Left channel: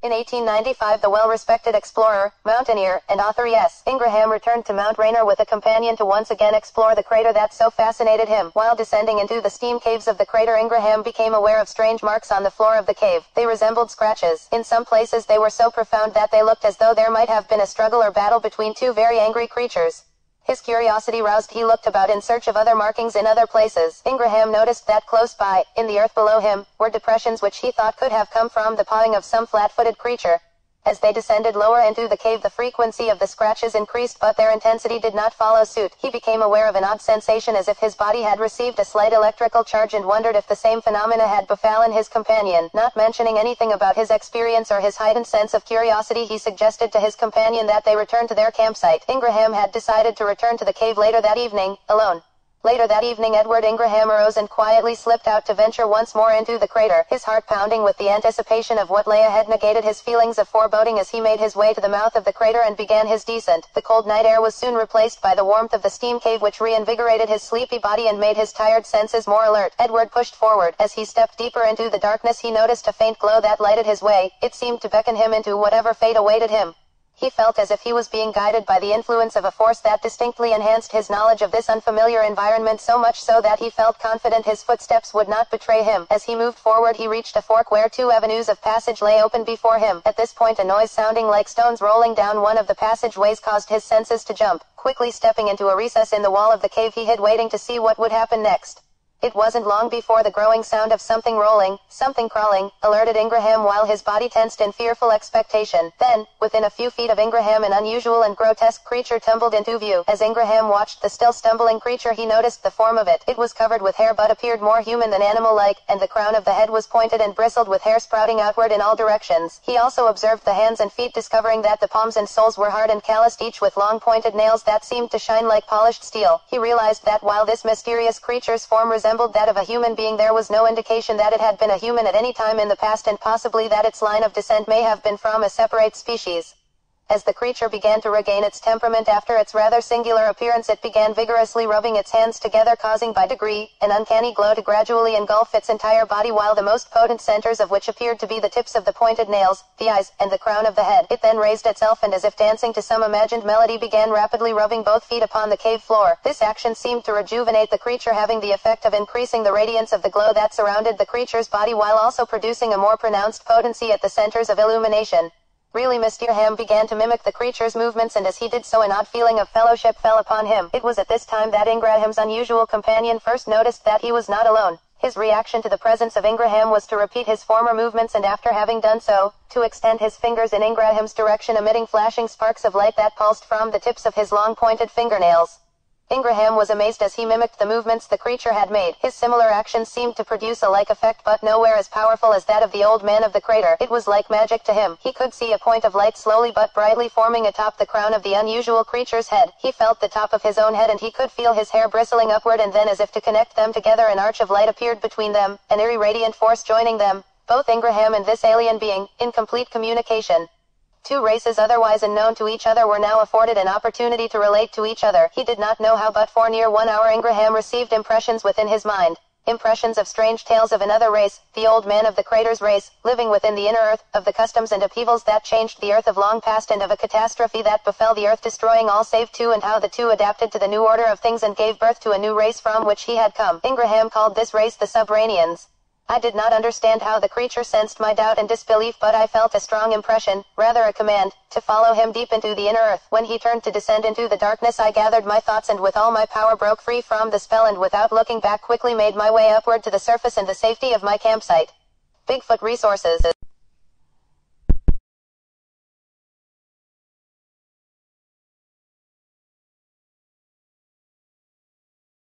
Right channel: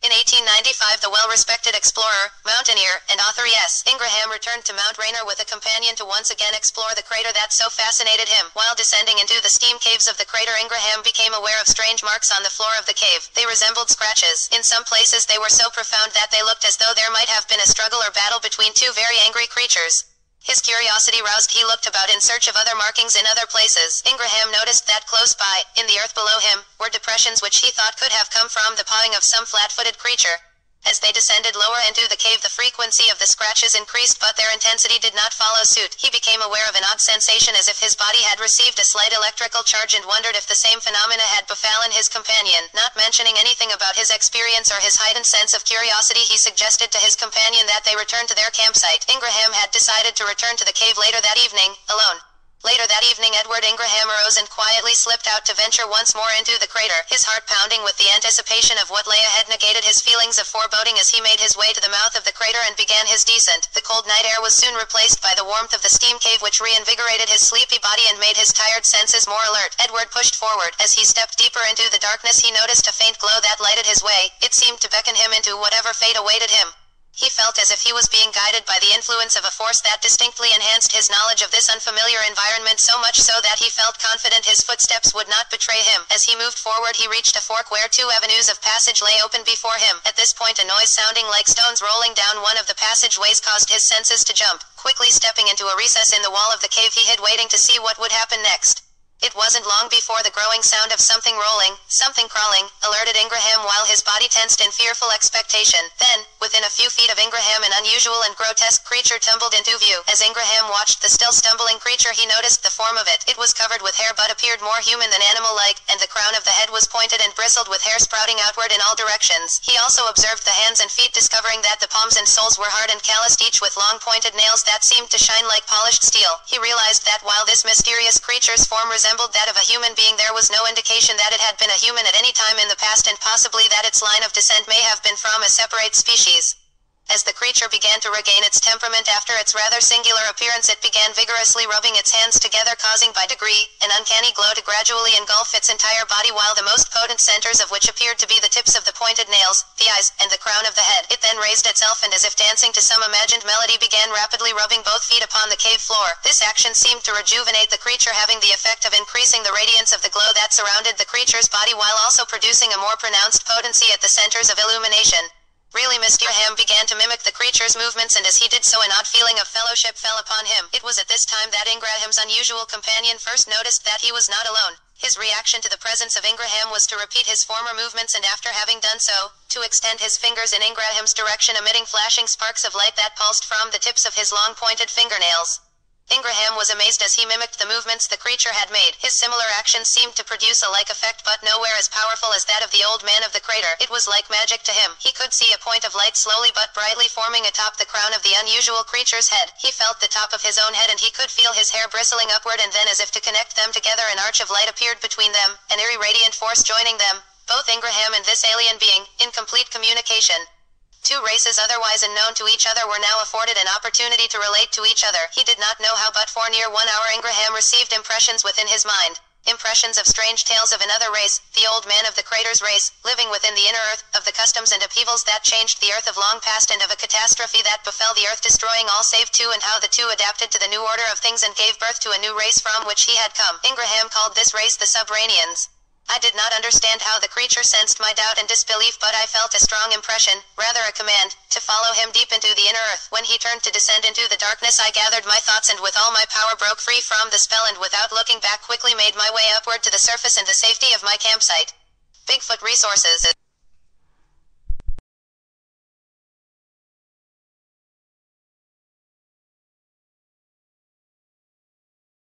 In 1895, the well-respected explorer, mountaineer, and author E.S. Ingraham returned to Mount Rainier with a companion to once again explore the crater that so fascinated him. While descending into the steam caves of the crater, Ingraham became aware of strange marks on the floor of the cave. They resembled scratches. In some places they were so profound that they looked as though there might have been a struggle or battle between two very angry creatures. His curiosity roused, he looked about in search of other markings in other places. Ingraham noticed that close by, in the earth below him, were depressions which he thought could have come from the pawing of some flat-footed creature. As they descended lower into the cave, the frequency of the scratches increased, but their intensity did not follow suit. He became aware of an odd sensation as if his body had received a slight electrical charge and wondered if the same phenomena had befallen his companion. Not mentioning anything about his experience or his heightened sense of curiosity, he suggested to his companion that they return to their campsite. Ingraham had decided to return to the cave later that evening, alone. Later that evening, Edward Ingraham arose and quietly slipped out to venture once more into the crater. His heart pounding with the anticipation of what lay ahead negated his feelings of foreboding as he made his way to the mouth of the crater and began his descent. The cold night air was soon replaced by the warmth of the steam cave, which reinvigorated his sleepy body and made his tired senses more alert. Edward pushed forward. As he stepped deeper into the darkness, he noticed a faint glow that lighted his way. It seemed to beckon him into whatever fate awaited him. He felt as if he was being guided by the influence of a force that distinctly enhanced his knowledge of this unfamiliar environment, so much so that he felt confident his footsteps would not betray him. As he moved forward, he reached a fork where two avenues of passage lay open before him. At this point, a noise sounding like stones rolling down one of the passageways caused his senses to jump. Quickly stepping into a recess in the wall of the cave, he hid, waiting to see what would happen next. It wasn't long before the growing sound of something rolling, something crawling, alerted Ingraham while his body tensed in fearful expectation. Then, within a few feet of Ingraham, an unusual and grotesque creature tumbled into view. As Ingraham watched the still stumbling creature, he noticed the form of it. It was covered with hair but appeared more human than animal-like, and the crown of the head was pointed and bristled with hair sprouting outward in all directions. He also observed the hands and feet, discovering that the palms and soles were hard and calloused, each with long pointed nails that seemed to shine like polished steel. He realized that while this mysterious creature's form resembled that of a human being, there was no indication that it had been a human at any time in the past, and possibly that its line of descent may have been from a separate species. As the creature began to regain its temperament after its rather singular appearance, it began vigorously rubbing its hands together, causing by degree an uncanny glow to gradually engulf its entire body, while the most potent centers of which appeared to be the tips of the pointed nails, the eyes, and the crown of the head. It then raised itself and, as if dancing to some imagined melody, began rapidly rubbing both feet upon the cave floor. This action seemed to rejuvenate the creature, having the effect of increasing the radiance of the glow that surrounded the creature's body, while also producing a more pronounced potency at the centers of illumination. Really, Mr. Ham began to mimic the creature's movements, and as he did so, an odd feeling of fellowship fell upon him. It was at this time that Ingraham's unusual companion first noticed that he was not alone. His reaction to the presence of Ingraham was to repeat his former movements, and after having done so, to extend his fingers in Ingraham's direction, emitting flashing sparks of light that pulsed from the tips of his long pointed fingernails. Ingraham was amazed as he mimicked the movements the creature had made. His similar actions seemed to produce a like effect, but nowhere as powerful as that of the old man of the crater. It was like magic to him. He could see a point of light slowly but brightly forming atop the crown of the unusual creature's head. He felt the top of his own head, and he could feel his hair bristling upward, and then, as if to connect them together, an arch of light appeared between them, an eerie radiant force joining them, both Ingraham and this alien being, in complete communication. Two races otherwise unknown to each other were now afforded an opportunity to relate to each other. He did not know how, but for near 1 hour Ingraham received impressions within his mind. Impressions of strange tales of another race, the old man of the crater's race, living within the inner earth, of the customs and upheavals that changed the earth of long past, and of a catastrophe that befell the earth, destroying all save two, and how the two adapted to the new order of things and gave birth to a new race from which he had come. Ingraham called this race the Subranians. I did not understand how the creature sensed my doubt and disbelief, but I felt a strong impression, rather a command, to follow him deep into the inner earth. When he turned to descend into the darkness, I gathered my thoughts and with all my power broke free from the spell, and without looking back quickly made my way upward to the surface and the safety of my campsite. Bigfoot Resources.